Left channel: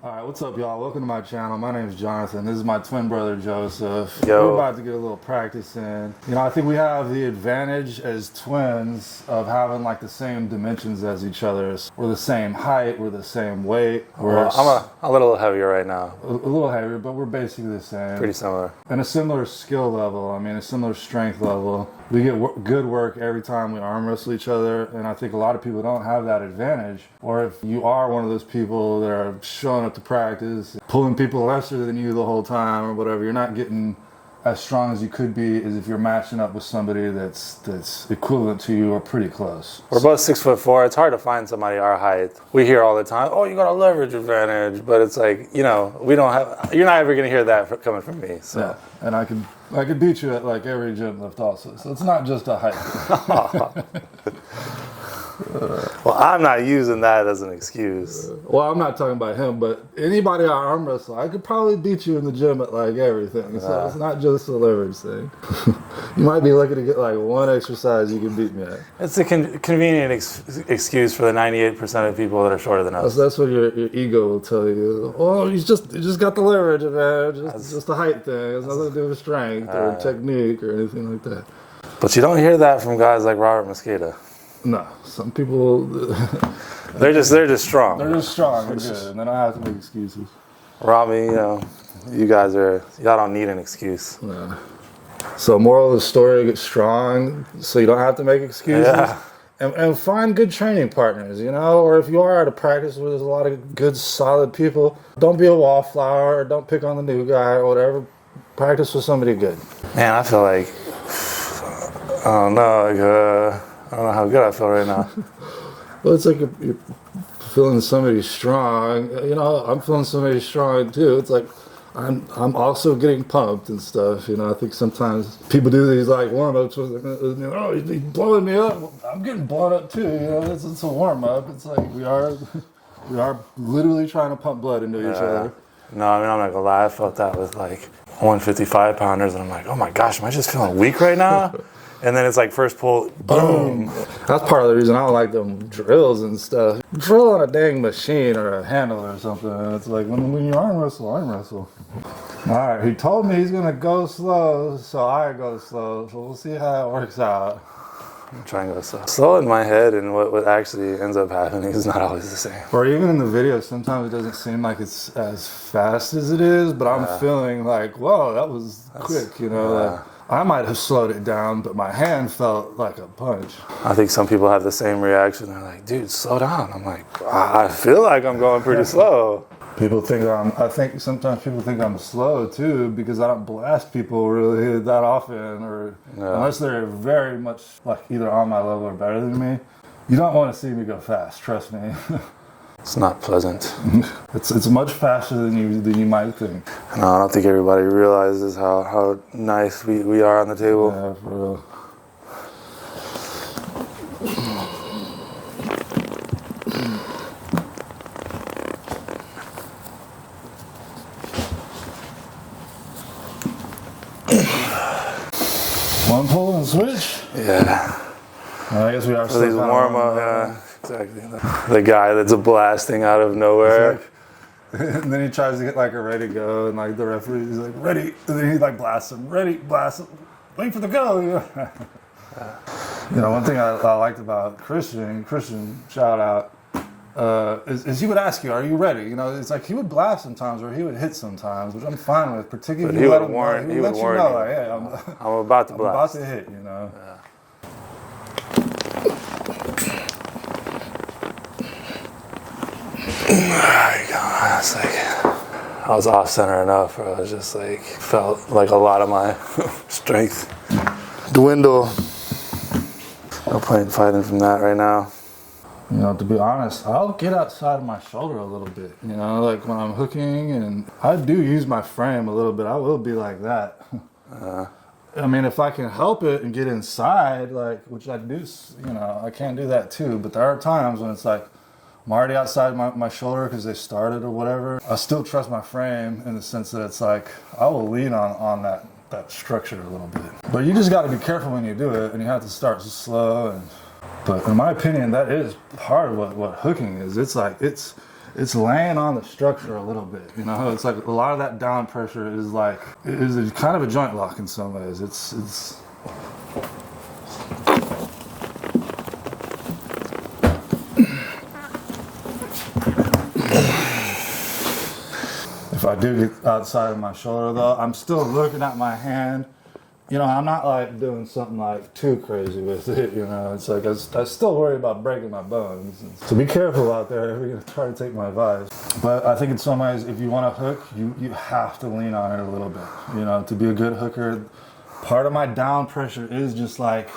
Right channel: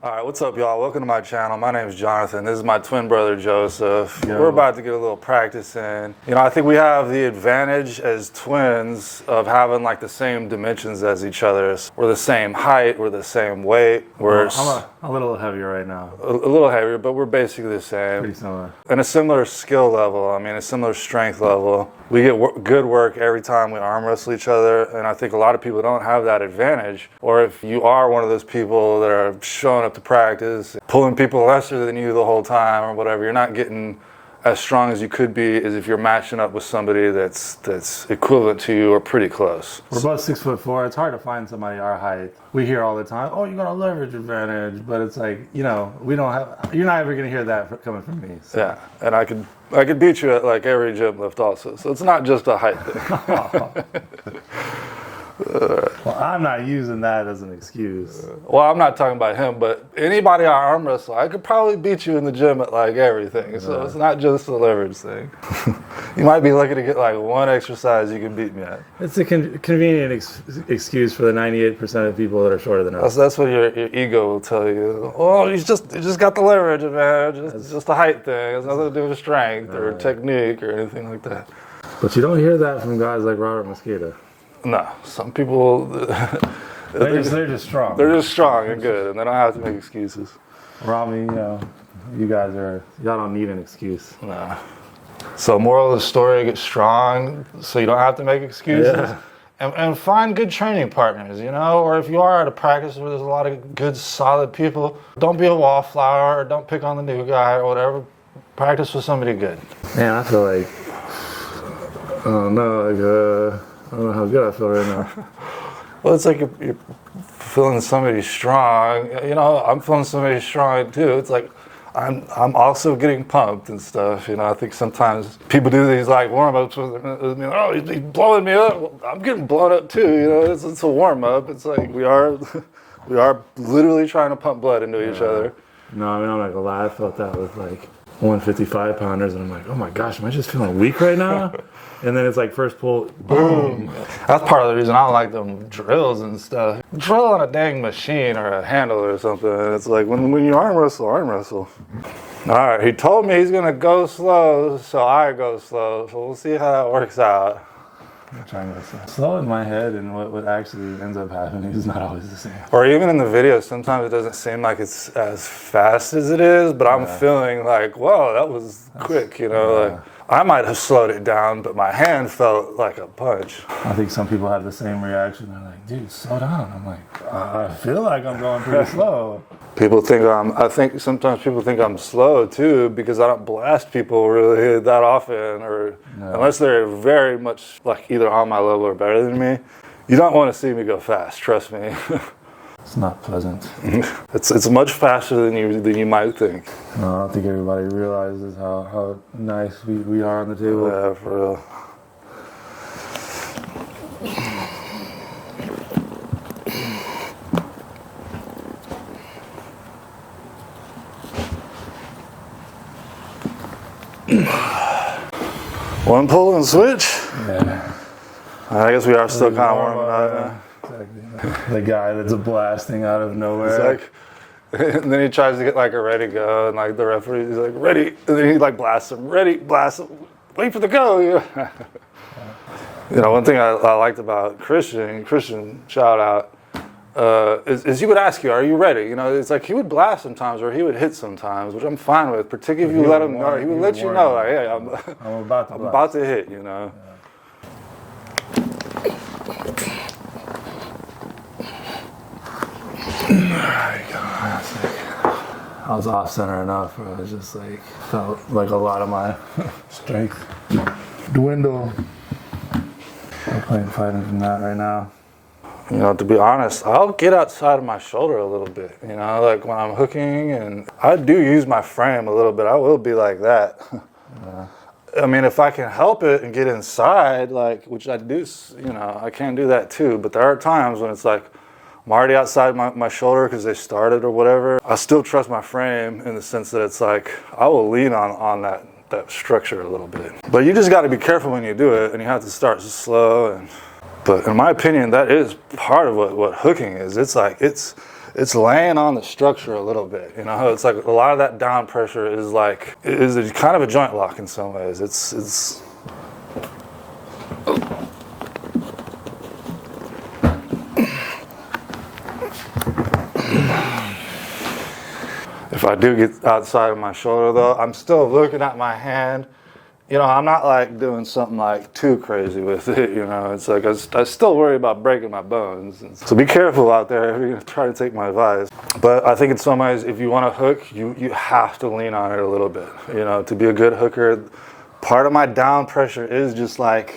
All right, what's up, y'all? Welcome to my channel. My name is Jonathan. This is my twin brother, Joseph. Yo. We're about to get a little practice in. You know, I think we have the advantage as twins of having like the same dimensions as each other. We're the same height, we're the same weight. I'm a little heavier right now. A little heavier, but we're basically the same. Pretty similar. And a similar skill level, a similar strength level. We get good work every time we arm wrestle each other, and I think a lot of people don't have that advantage. Or if you are one of those people that are showing up to practice, pulling people lesser than you the whole time or whatever, you're not getting as strong as you could be as if you're matching up with somebody that's equivalent to you or pretty close. We're both 6'4". It's hard to find somebody our height. We hear all the time, "Oh, you got a leverage advantage," but it's like, you know, we don't have. You're not ever gonna hear that coming from me. So. Yeah, and I could beat you at like every gym lift also. So it's not just a height thing. Well, I'm not using that as an excuse. Well, I'm not talking about him, but anybody I arm wrestle, I could probably beat you in the gym at like everything. So it's not just a leverage thing. You might be looking to get like one exercise you can beat me at. It's a convenient excuse for the 98% of people that are shorter than us. That's what your ego will tell you. Well, you just got the leverage advantage. It's just a height thing. It's nothing to do with strength or technique or anything like that. But you don't hear that from guys like Robert Mosqueda. No, some people they're just strong. They're just strong and good, and they don't have to make excuses. Rami, you know, y'all don't need an excuse. No. So moral of the story, get strong so you don't have to make excuses. Yeah. And find good training partners, you know, or if you are at a practice where there's a lot of good, solid people, don't be a wallflower or don't pick on the new guy or whatever. Practice with somebody good. Man, I feel like, I don't know how good I feel right now. Well, it's like you're feeling somebody strong. You know, I'm feeling somebody strong too. It's like I'm also getting pumped and stuff. You know, I think sometimes people do these like warm-ups with me. Oh, he's blowing me up. Well, I'm getting blown up too. You know, it's a warm-up. It's like we are literally trying to pump blood into each other. No, I'm not gonna lie. I felt that with like 155 pounders, and I'm like, oh my gosh, am I just feeling weak right now? And then it's like first pull, boom. That's part of the reason I don't like them drills and stuff. Drill on a dang machine or a handle or something. It's like when you arm wrestle. All right, he told me he's gonna go slow, so I go slow. So we'll see how that works out. I'm trying to go slow. Slow in my head, and what actually ends up happening is not always the same. Or even in the video, sometimes it doesn't seem like it's as fast as it is, but I'm feeling like, whoa, that was quick, you know? Like, I might have slowed it down, but my hand felt like a punch. I think some people have the same reaction. They're like, dude, slow down. I'm like, I feel like I'm going pretty slow. I think sometimes people think I'm slow too because I don't blast people really that often or unless they're very much like either on my level or better than me. You don't want to see me go fast, trust me. It's not pleasant. It's much faster than you might think. No, I don't think everybody realizes how nice we are on the table. Yeah, for real. One pull and switch? Yeah. I guess we are still kind of warm up. Exactly. The guy that's blasting out of nowhere. And then he tries to get like a ready go, and like the referee, he's like, ready. And then he like blasts him, ready, blast him, wait for the go. Yeah. You know, one thing I liked about Christian shout out, is he would ask you, are you ready? You know, it's like he would blast sometimes or he would hit sometimes, which I'm fine with, particularly if you let him know. He would let you know, like, hey, I'm about to blast. I'm about to hit, you know. There you go. That's like, I was off center enough where I was just like, felt like a lot of my strength dwindle. No point fighting from that right now. You know, to be honest, I'll get outside of my shoulder a little bit, you know, like when I'm hooking, and I do use my frame a little bit. I will be like that. I mean, if I can help it and get inside, like, which I do, you know, I can do that too. But there are times when it's like, I'm already outside my shoulder because they started or whatever. I still trust my frame in the sense that it's like, I will lean on that structure a little bit. But you just got to be careful when you do it, and you have to start slow. But in my opinion, that is part of what hooking is. It's like, it's laying on the structure a little bit, you know. It's like a lot of that down pressure is a kind of a joint lock in some ways. It's if I do get outside of my shoulder though, I'm still looking at my hand. You know, I'm not like doing something like too crazy with it, you know. It's like I still worry about breaking my bones. So be careful out there if you're gonna try to take my advice. But I think in some ways, if you want to hook, you have to lean on it a little bit. You know, to be a good hooker, part of my down pressure is just like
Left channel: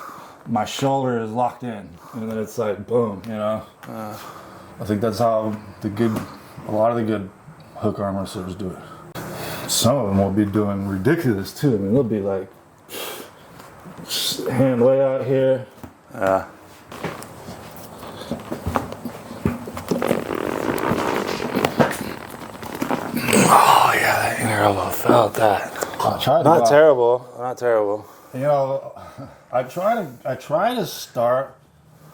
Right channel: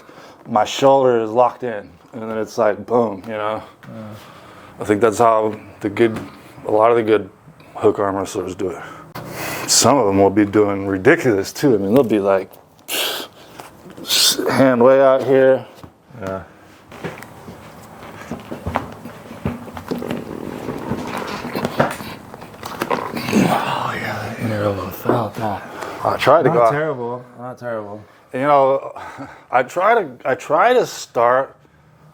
my shoulder is locked in. And then it's like, boom, you know. I think that's how a lot of the good hook arm wrestlers do it. Some of them will be doing ridiculous too. I mean, they'll be like, hand way out here. Oh yeah, that ear elbow felt that. I tried to Not terrible. Not terrible. You know, I try to start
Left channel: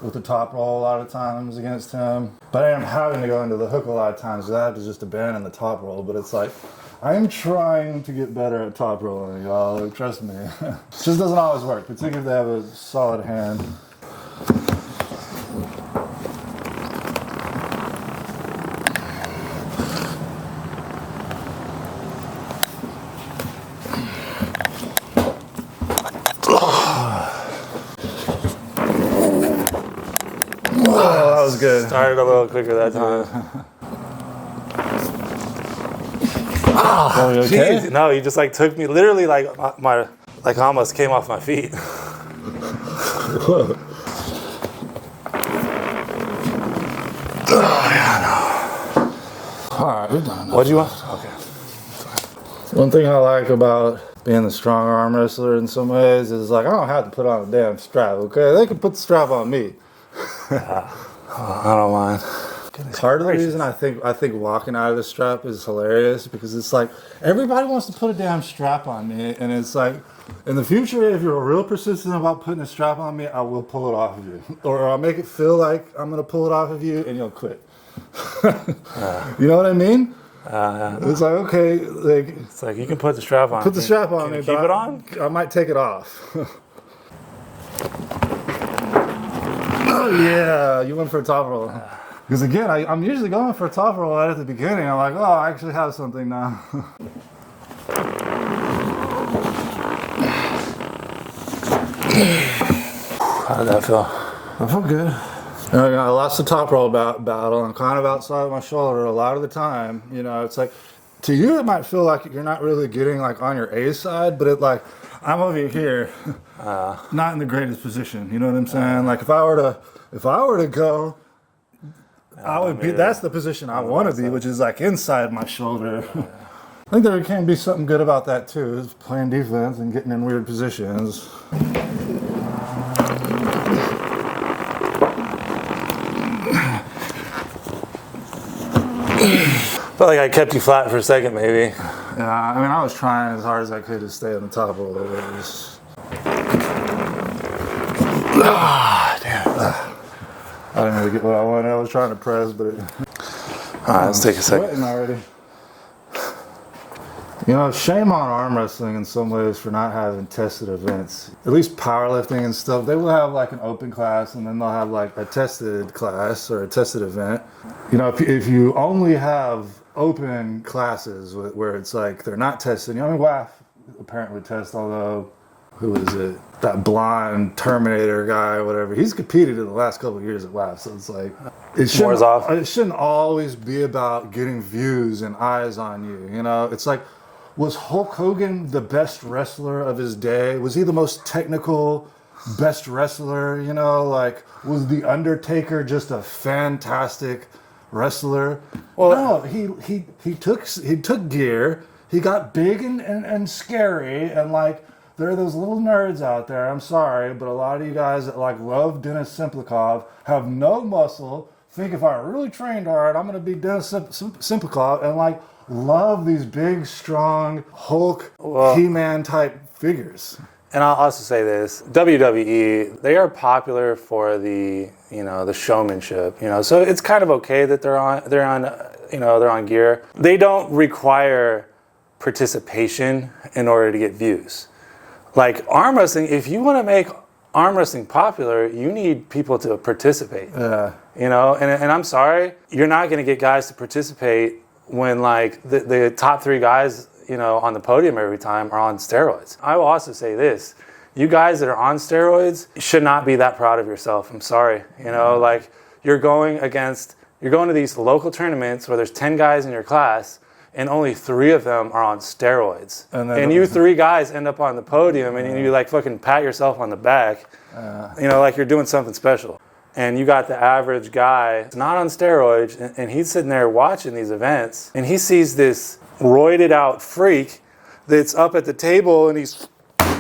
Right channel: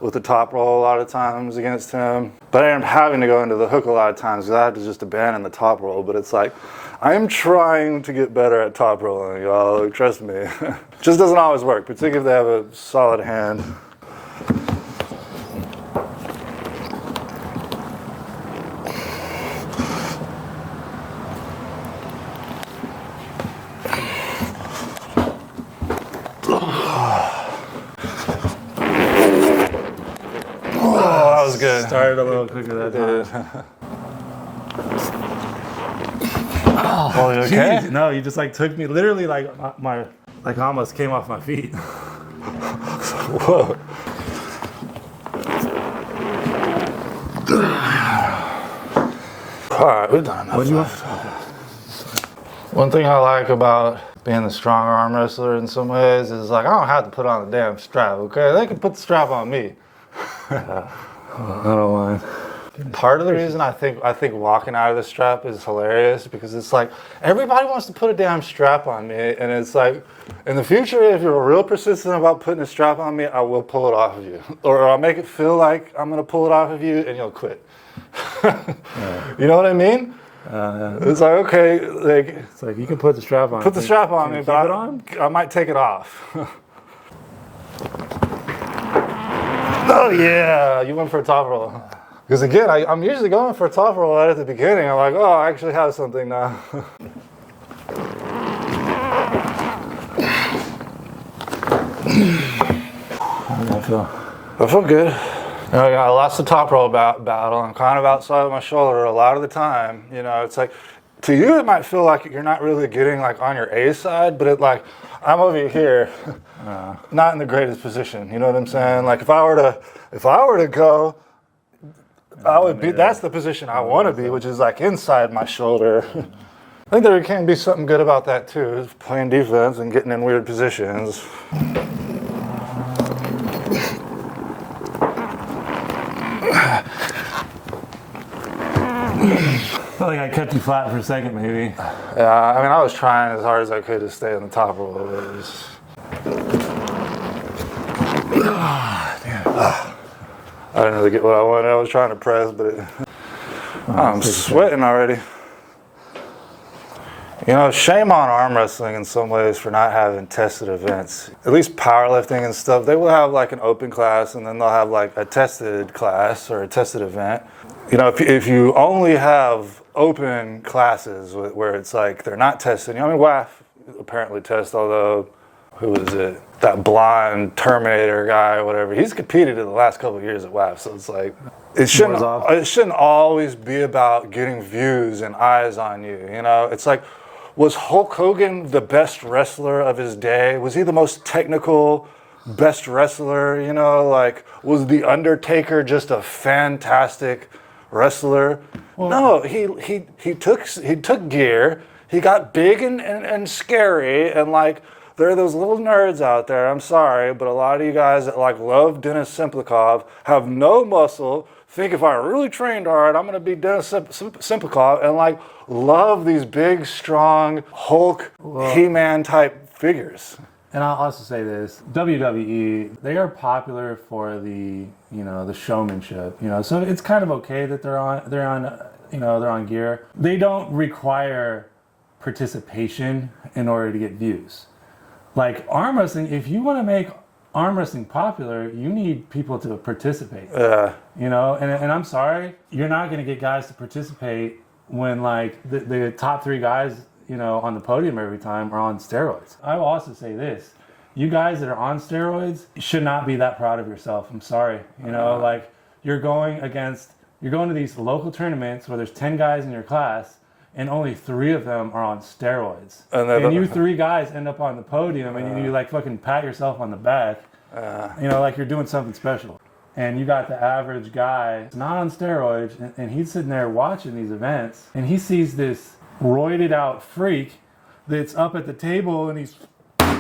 with the top roll a lot of times against him, but I am having to go into the hook a lot of times because I have to just abandon the top roll. But it's like, I am trying to get better at top rolling, y'all. Trust me. It just doesn't always work, particularly if they have a solid hand. Oh, that was good. Started a little quicker that time. Oh, you okay? Geez, no, you just like took me literally like almost came off my feet. Whoa. All right, we're done. What do you want? One thing I like about being the stronger arm wrestler in some ways is like I don't have to put on a damn strap. Okay, they can put the strap on me. I don't mind. Part of the reason I think walking out of the strap is hilarious because it's like everybody wants to put a damn strap on me, and it's like in the future if you're real persistent about putting a strap on me, I will pull it off of you, or I'll make it feel like I'm gonna pull it off of you, and you'll quit. You know what I mean? It's like okay, like It's like you can put the strap on. put the strap on me, keep but it on? I might take it off. Oh yeah, you went for a top roll. Because again, I'm usually going for a top roll right at the beginning. I'm like, oh, I actually have something now. How did that feel? I feel good. You know, I lost the top roll battle. I'm kind of outside of my shoulder a lot of the time. You know, it's like, to you it might feel like you're not really getting like on your A side, but I'm over here, not in the greatest position. You know what I'm saying? Like if I were to go, I would be. That's the position I want to be, which is like inside my shoulder. I think there can be something good about that too, is playing defense and getting in weird positions. Felt like I kept you flat for a second, maybe. Yeah, I mean, I was trying as hard as I could to stay on the top of it. It was... damn. I didn't really get what I wanted. I was trying to press, but I'm sweating already. You know, shame on arm wrestling in some ways for not having tested events. At least powerlifting and stuff, they will have like an open class and then they'll have like a tested class or a tested event. You know, if you only have open classes where it's like they're not testing, I mean, WAF apparently tests, although, who is it? That blonde Terminator guy or whatever. He's competed in the last couple of years at WAF, so it's like, it shouldn't always be about getting views and eyes on you, you know? It's like, was Hulk Hogan the best wrestler of his day? Was he the most technical, best wrestler, you know? Like, was The Undertaker just a fantastic wrestler? Well, no, he took gear, he got big and scary, and like, there are those little nerds out there, I'm sorry, but a lot of you guys that like love Dennis Simplikov have no muscle, think if I really trained hard, I'm gonna be Dennis Simplikov, and like love these big, strong Hulk, He-Man type figures. And I'll also say this, WWE, they are popular for the, you know, the showmanship, you know, so it's kind of okay that they're on gear. They don't require participation in order to get views. Like arm wrestling, if you want to make arm wrestling popular, you need people to participate. You know, and I'm sorry, you're not going to get guys to participate when like the top 3 guys, you know, on the podium every time are on steroids. I will also say this, you guys that are on steroids should not be that proud of yourself. I'm sorry. You know, like you're going to these local tournaments where there's 10 guys in your class and only 3 of them are on steroids. And you 3 guys end up on the podium and you like fucking pat yourself on the back, you know, like you're doing something special. And you got the average guy not on steroids and he's sitting there watching these events and he sees this roided out freak that's up at the table and he's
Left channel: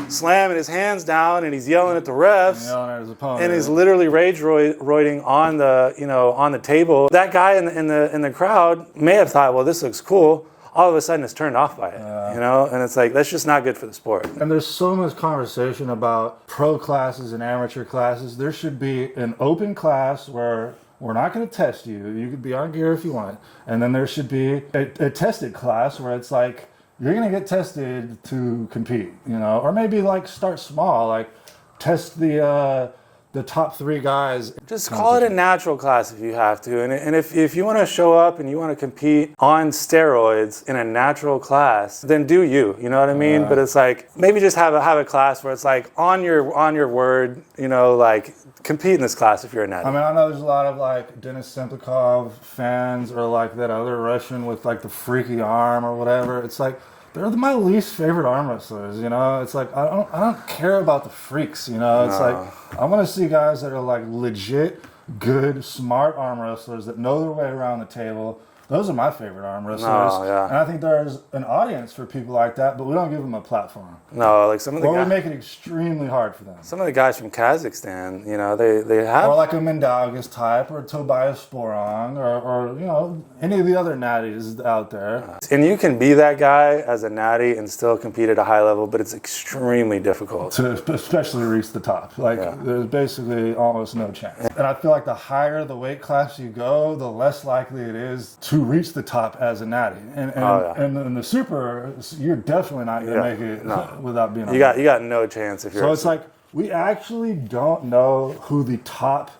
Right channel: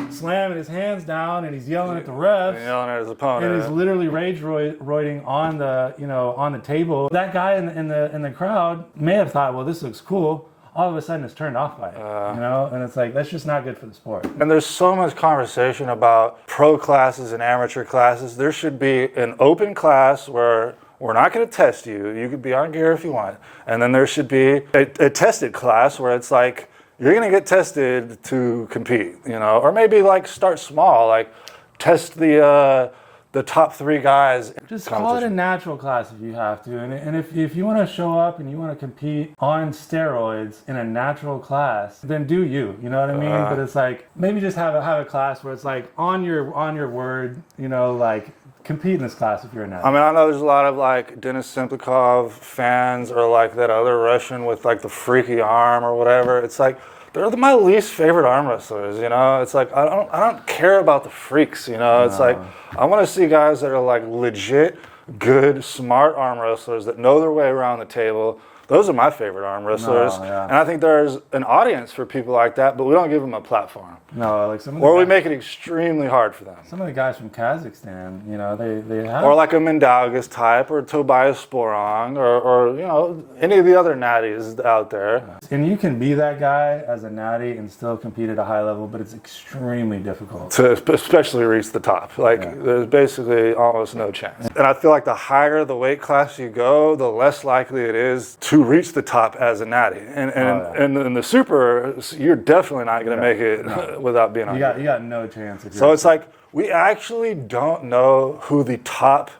slamming his hands down and he's yelling at the refs, yelling at his opponent, and he's literally rage roiding on the, you know, on the table. That guy in the crowd may have thought, well, this looks cool. All of a sudden, it's turned off by it, you know, and it's like that's just not good for the sport. And there's so much conversation about pro classes and amateur classes. There should be an open class where we're not going to test you. You could be on gear if you want. And then there should be a tested class where it's like, you're going to get tested to compete, you know, or maybe like start small, like test the top 3 guys. Just call it a natural class if you have to. And if you want to show up and you want to compete on steroids in a natural class, then do you know what I mean? But it's like, maybe just have a class where it's like on your word, you know, like compete in this class if you're a natural. I mean, I know there's a lot of like Denis Simplikov fans or like that other Russian with like the freaky arm or whatever. It's like, they're my least favorite arm wrestlers, you know? It's like, I don't care about the freaks, you know? It's like, I want to see guys that are like legit, good, smart arm wrestlers that know their way around the table. Those are my favorite arm wrestlers. And I think there's an audience for people like that, but we don't give them a platform. No, like some of the Or we make it extremely hard for them. Some of the guys from Kazakhstan, you know, they have... Or like a Mindaugas type, or Tobias Sporong, or you know, any of the other natties out there. And you can be that guy as a natty and still compete at a high level, but it's extremely difficult. To especially reach the top. Like, there's basically almost no chance. And I feel like the higher the weight class you go, the less likely it is to reach the top as a natty. And in the super, you're definitely not going to make it without being on you got no chance if you're... So it's like, we actually don't know who the top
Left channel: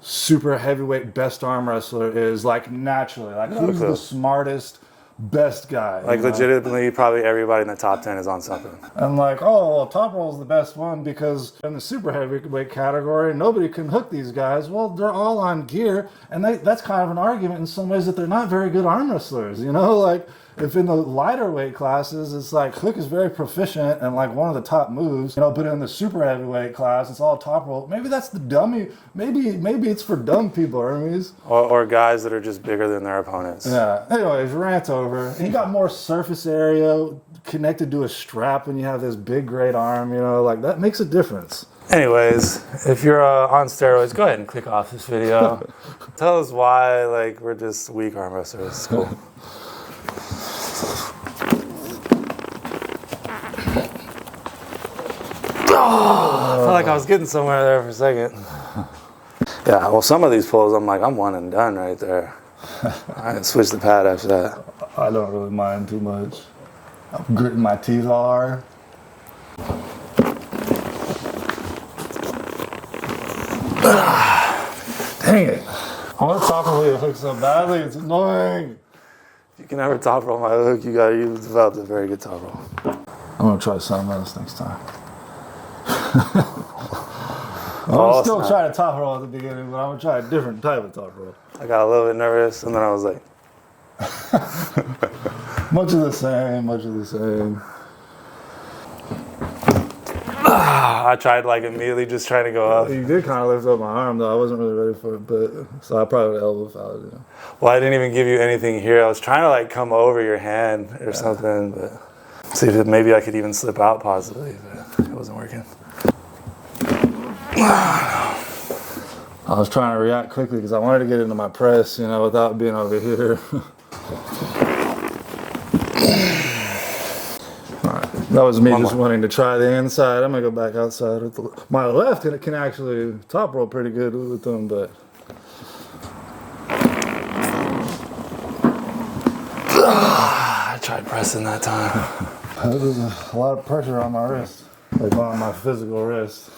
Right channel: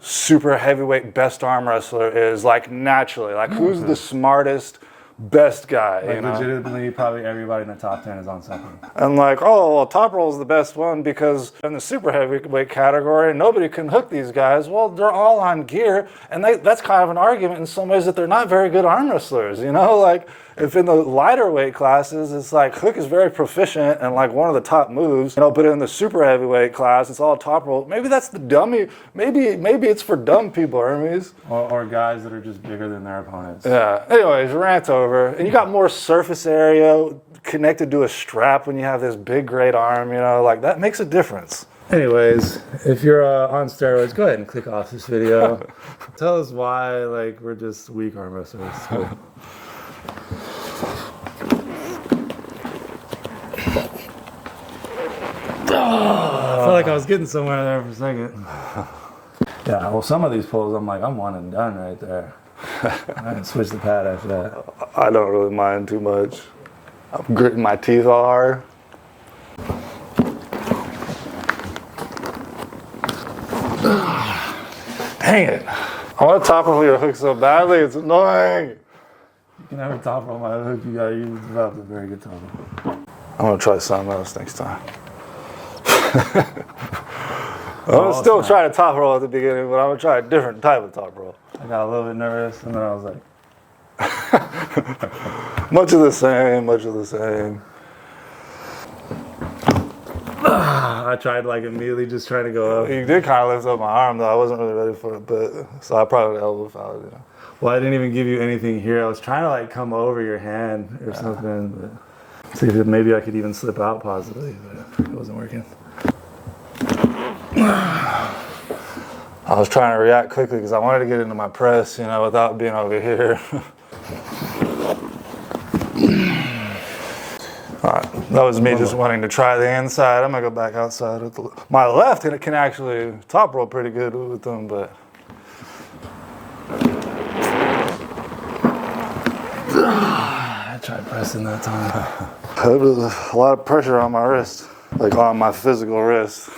super heavyweight best arm wrestler is, like naturally. Like, who's the smartest, best guy? Like, legitimately, probably everybody in the top 10 is on something. And like, oh, well, Top Roll is the best one because in the super heavyweight category, nobody can hook these guys. Well, they're all on gear, and that's kind of an argument in some ways that they're not very good arm wrestlers, you know? Like, if in the lighter weight classes, it's like Hook is very proficient and like one of the top moves, you know, but in the super heavyweight class, it's all Top Roll. Maybe that's the dummy. Maybe it's for dumb people, Hermes. Or guys that are just bigger than their opponents. Yeah. Anyways, rant over. And you got more surface area connected to a strap when you have this big, great arm, you know, like that makes a difference. Anyways, if you're on steroids, go ahead and click off this video. Tell us why, like, we're just weak arm wrestlers. It's cool. I feel like I was getting somewhere there for a second. Yeah, well, some of these pulls, I'm like, I'm one and done right there. I can switch the pad after that. I don't really mind too much. I'm gritting my teeth all hard. Dang it. I want to top roll your hook so badly, it's annoying. You can never top roll my hook, you developed a very good top roll. I'm going to try something else next time. I'm going to still try to top roll at the beginning, but I'm going to try a different type of top roll. I got a little bit nervous, and then I was like... Much of the same. I tried like immediately just trying to go up. You did kind of lift up my arm though. I wasn't really ready for it, but so I probably elbow fouled it. Well, I didn't even give you anything here. I was trying to like come over your hand or something, but see if maybe I could even slip out possibly, but it wasn't working. I was trying to react quickly because I wanted to get into my press, you know, without being over here. All right. That was me just wanting to try the inside. I'm gonna go back outside with my left, and it can actually top roll pretty good with them, but. I tried pressing that time. There was a lot of pressure on my wrist, like on my physical wrist.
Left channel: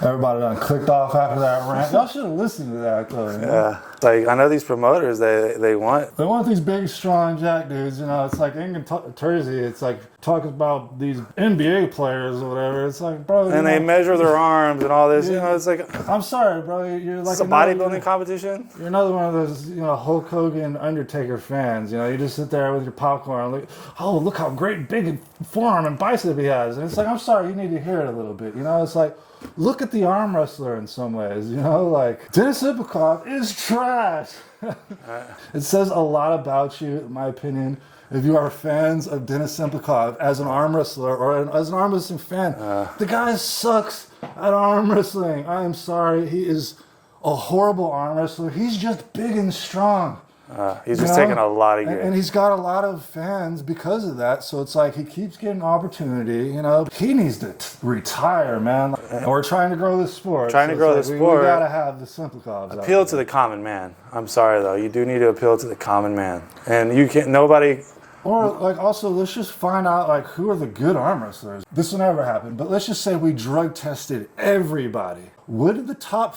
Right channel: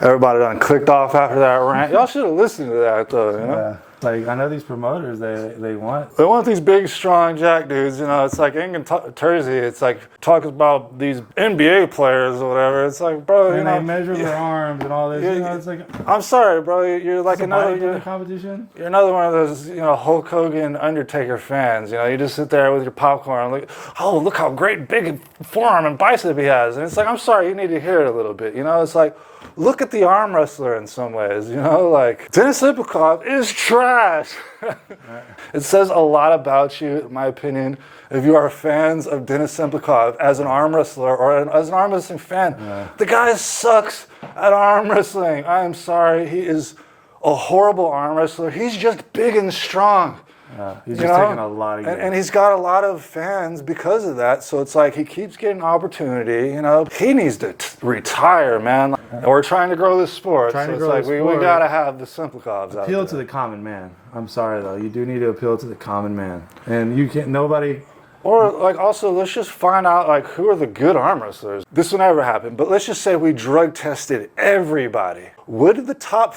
Everybody done clicked off after that rant. Y'all should have listened to that though. Yeah. Like, I know these promoters, they want these big, strong jack dudes, you know. It's like in Jersey, it's like talking about these NBA players or whatever. It's like, bro, and they measure their arms and all this. Yeah, you know, it's like, I'm sorry, bro. You're like a bodybuilding competition. You're another one of those, you know, Hulk Hogan, Undertaker fans. You know, you just sit there with your popcorn, like, oh, look how great big forearm and bicep he has. And it's like, I'm sorry, you need to hear it a little bit. You know, it's like, look at the arm wrestler in some ways, you know, like Denis Ipakov is trash. It says a lot about you, in my opinion, if you are fans of Denis Ipakov as an arm wrestler or as an arm wrestling fan. The guy sucks at arm wrestling. I am sorry. He is a horrible arm wrestler. He's just big and strong. He's just taking a lot of gear. And he's got a lot of fans because of that. So it's like he keeps getting opportunity, you know. He needs to retire, man. We're trying to grow this sport. We got to have the Simplikovs. Appeal to the common man. I'm sorry, though. You do need to appeal to the common man. And you can't, nobody... Or, like, also, let's just find out, like, who are the good arm wrestlers. This will never happen, but let's just say we drug tested everybody. Would the top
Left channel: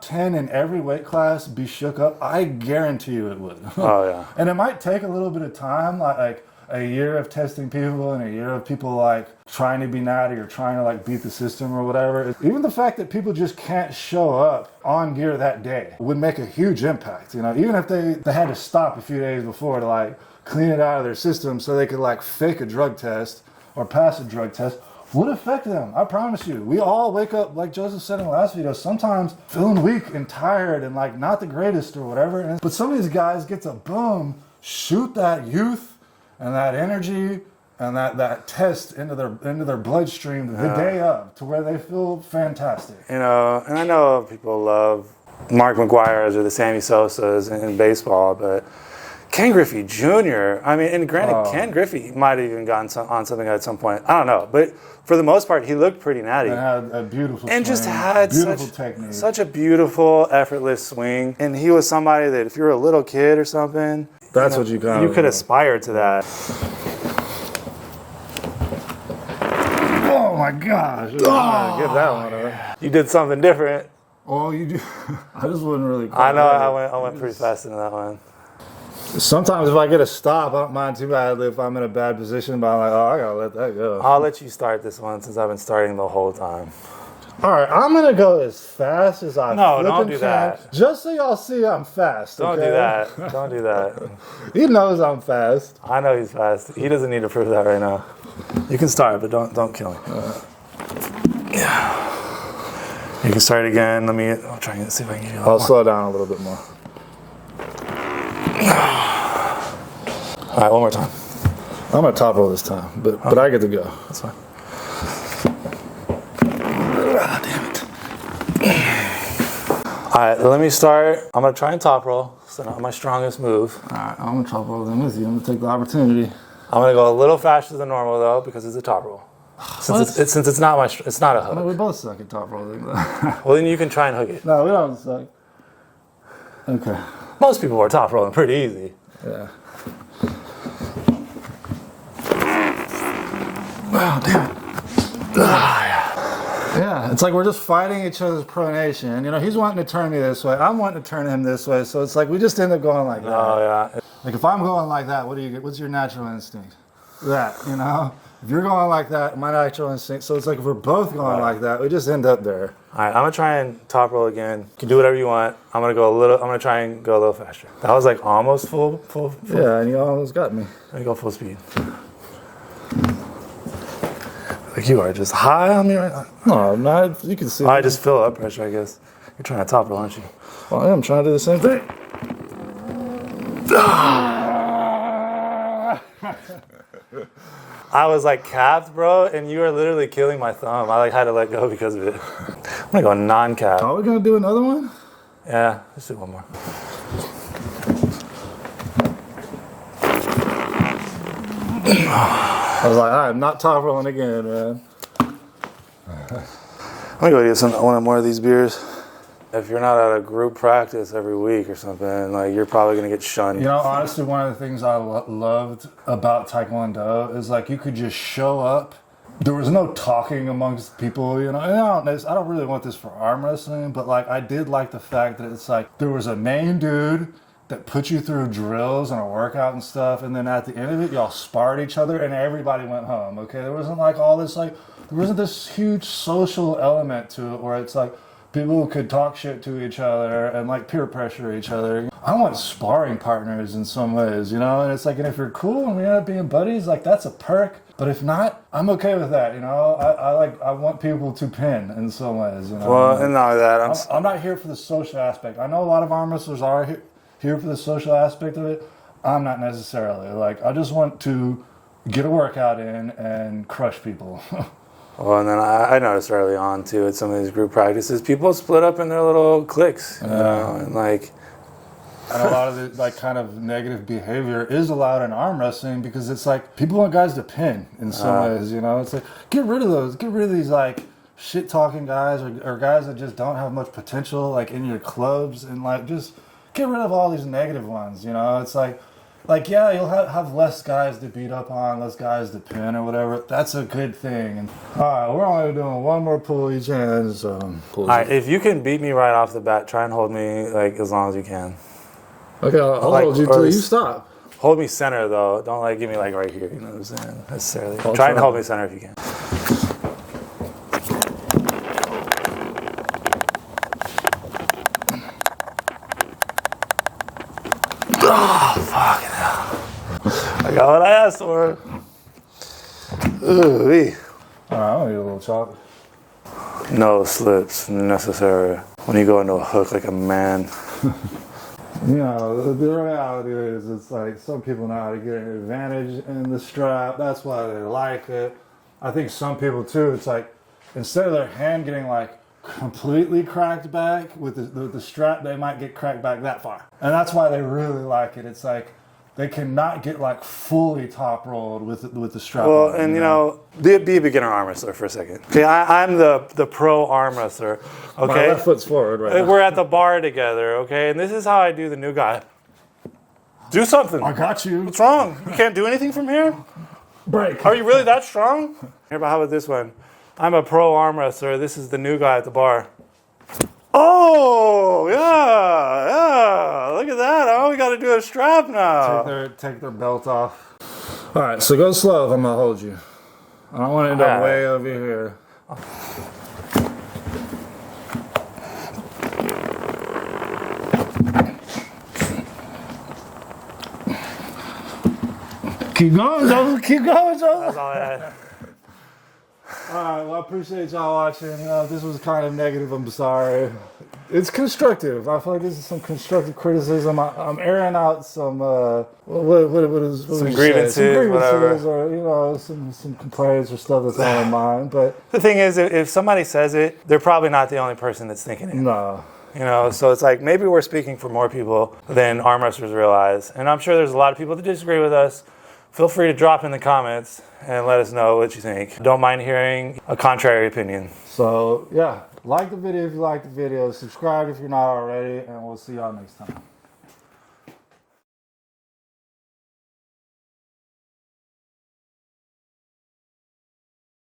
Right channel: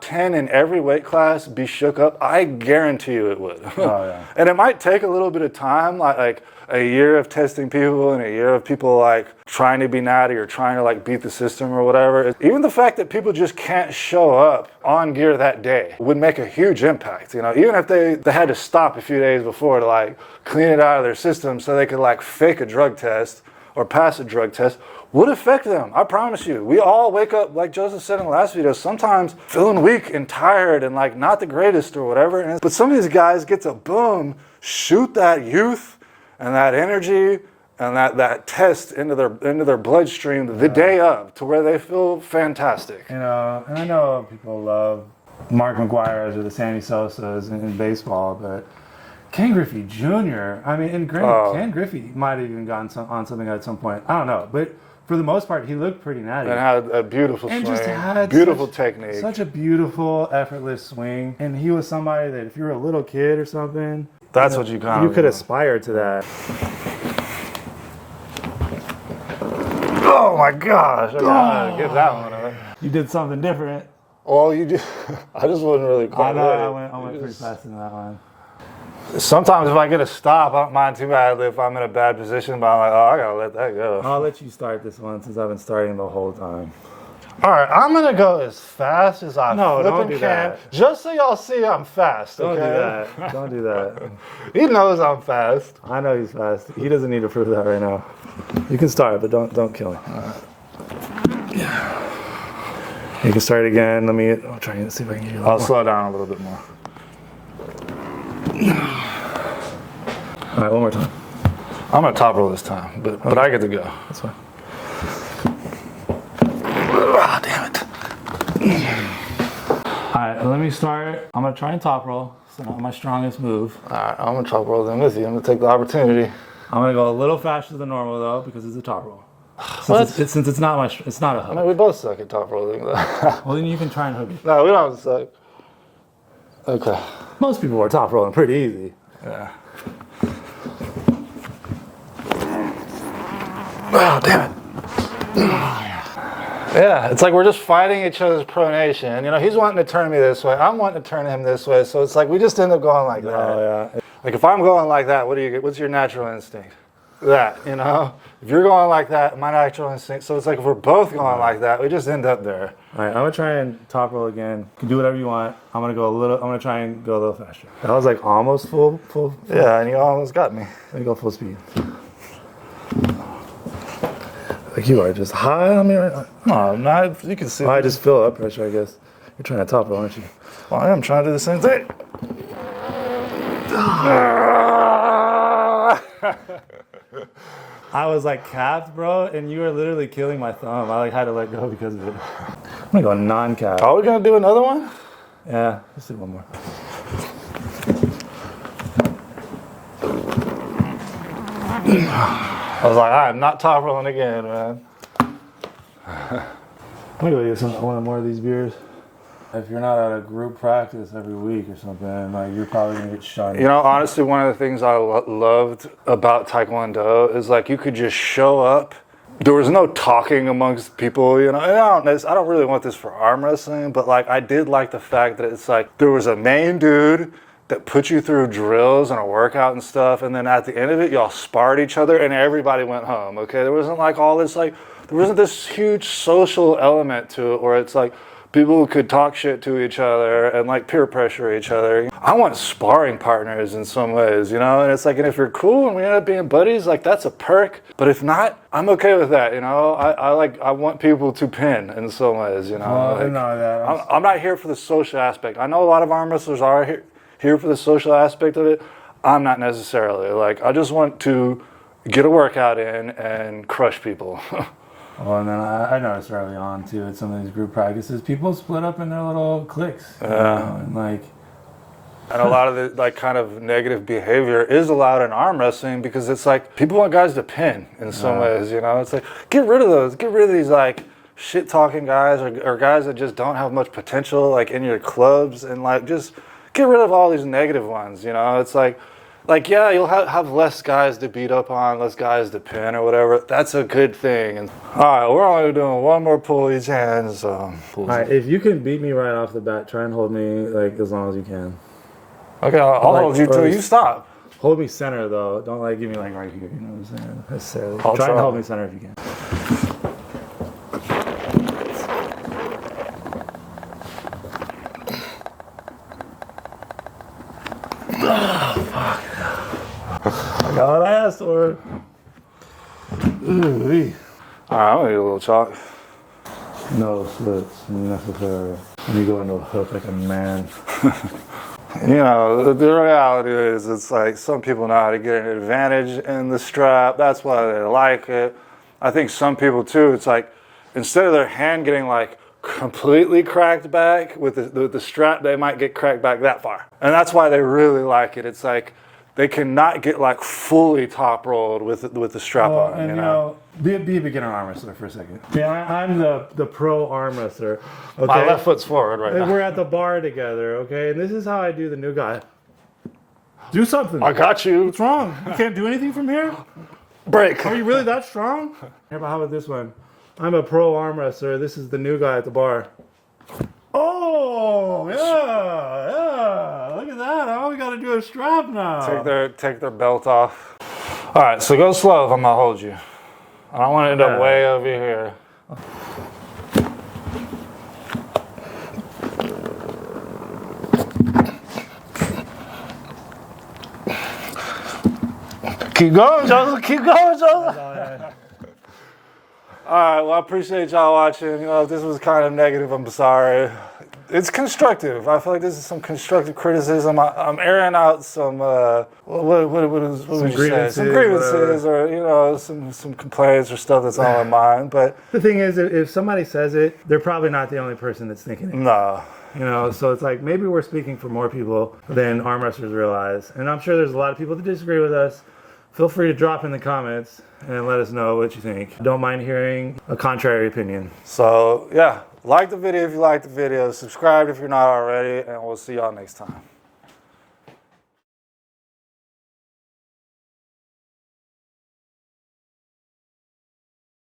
10 in every weight class be shook up? I guarantee you it would. Oh, yeah. And it might take a little bit of time, like a year of testing people and a year of people, like, trying to be natty or trying to, like, beat the system or whatever. Even the fact that people just can't show up on gear that day would make a huge impact, you know? Even if they had to stop a few days before to, like, clean it out of their system so they could, like, fake a drug test or pass a drug test, would affect them. I promise you. We all wake up, like Joseph said in the last video, sometimes feeling weak and tired and, like, not the greatest or whatever. But some of these guys get to, boom, shoot that youth and that energy and that test into their bloodstream the day of, to where they feel fantastic. You know, and I know people love Mark McGuire's or the Sammy Sosa's in baseball, but Ken Griffey Jr., I mean, and granted, Ken Griffey might have even gotten on something at some point. I don't know, but for the most part, he looked pretty natty. And had a beautiful swing. And just had beautiful technique. Such a beautiful, effortless swing. And he was somebody that if you're a little kid or something, that's what you could aspire to that. Oh my gosh! I'm gonna give that one to him. You did something different. Well, you do. I just wasn't really. I know. I went pretty fast into that one. Sometimes if I get a stop, I don't mind too badly if I'm in a bad position, but I'm like, oh, I gotta let that go. I'll let you start this one since I've been starting the whole time. All right, I'm gonna go as fast as I don't do can, that. just so y'all see I'm fast. Don't okay? do that. Don't do that. He knows I'm fast. I know he's fast. He doesn't need to prove that right now. You can start, but don't kill me. Yeah. You can start again. I'm trying to see if I can get you. I'll slow down a little bit more. All right, one more time. I'm gonna top roll this time, but I get to go. That's fine. Ah, damn it. All right, let me start. I'm gonna try and top roll. It's not my strongest move. All right, I'm gonna top roll then with you. I'm gonna take the opportunity. I'm gonna go a little faster than normal though because it's a top roll. Since it's not a hook. I mean, we both suck at top rolling. Well, then you can try and hook it. No, we don't suck. Okay. Most people are top rolling pretty easy. Yeah. Oh, damn it. Yeah, it's like we're just fighting each other's pronation. You know, he's wanting to turn me this way. I'm wanting to turn him this way. So it's like we just end up going like that. Oh, yeah. Like if I'm going like that, what do you get? What's your natural instinct? That, you know? If you're going like that, my natural instinct. So it's like if we're both going like that, we just end up there. All right, I'm gonna try and top roll again. You can do whatever you want. I'm gonna try and go a little faster. That was like almost full. Yeah, and you almost got me. Let me go full speed. Like you are just high on there. No, I'm not. You can see. I just feel that pressure, I guess. You're trying to top roll, aren't you? Well, I am trying to do the same thing. I was like capped, bro, and you were literally killing my thumb. I like had to let go because of it. I'm gonna go non-cap. Are we gonna do another one? Yeah, let's do one more. I was like, I'm not top rolling again, man. I'm gonna go get one more of these beers. If you're not at a group practice every week or something, like you're probably gonna get shunned. You know, honestly, one of the things I loved about Taekwondo is like you could just show up. There was no talking amongst people, you know. And I don't really want this for arm wrestling, but like I did like the fact that it's like there was a main dude that put you through drills and a workout and stuff, and then at the end of it, y'all sparred each other, and everybody went home. Okay, there wasn't like all this like there wasn't this huge social element to it where it's like people who could talk shit to each other and like peer pressure each other. I want sparring partners in some ways, you know, and it's like, and if you're cool and we end up being buddies, like that's a perk. But if not, I'm okay with that, you know. I want people to pin in some ways, you know. Well, like, and not only that, I'm not here for the social aspect. I know a lot of arm wrestlers are here for the social aspect of it. I'm not necessarily. Like, I just want to get a workout in and crush people. Well, and then I noticed early on too at some of these group practices, people split up in their little cliques, you know, and like. And a lot of the like kind of negative behavior is allowed in arm wrestling because it's like people want guys to pin in some ways, you know. It's like get rid of those, get rid of these like shit talking guys or guys that just don't have much potential like in your clubs, and like just get rid of all these negative ones, you know. It's like yeah, you'll have less guys to beat up on, less guys to pin or whatever. That's a good thing. And all right, we're only doing one more pull each hand. So all right, if you can beat me right off the bat, try and hold me like as long as you can. Okay, I'll hold you till you stop. Hold me center though. Don't like give me like right here. You know what I'm saying? Necessarily. Oh, Try and hold me center if you can. Oh fuck! I got what I asked for. Ooh-wee. All right, I'm gonna need a little chalk. No slips necessary when you go into a hook like a man. You know, the reality is it's like some people know how to get an advantage in the strap. That's why they like it. I think some people too, it's like instead of their hand getting like completely cracked back with the strap, they might get cracked back that far. And that's why they really like it. It's like they cannot get like fully top rolled with the strap well, on. And you know, be a beginner arm wrestler for a second. Okay, I'm the pro arm wrestler. Okay, my left foot's forward right now. We're at the bar together. Okay, and this is how I do the new guy. Do something. I got you. What's wrong? You can't do anything from here? Break. Are you really that strong? How about this one? I'm a pro arm wrestler. This is the new guy at the bar. Oh, yeah. Look at that. All we got to do is strap now. Take their belt off. All right, so go slow. I'm gonna hold you. I don't want to end up way over here. Keep going, Joseph. Keep going, Joseph. That's all I had. All right, well, I appreciate y'all watching. You know, if this was kind of negative, I'm sorry. It's constructive. I feel like this is some constructive criticism. I'm airing out some some grievances, or you know, some complaints or stuff that's on my mind. But the thing is, if somebody says it, they're probably not the only person that's thinking it. no. You know, so it's like maybe we're speaking for more people than arm wrestlers realize. And I'm sure there's a lot of people that disagree with us. Feel free to drop in the comments and let us know what you think. Don't mind hearing a contrary opinion. So, yeah, like the video if you like the video, subscribe if you're not already, and we'll see y'all next time.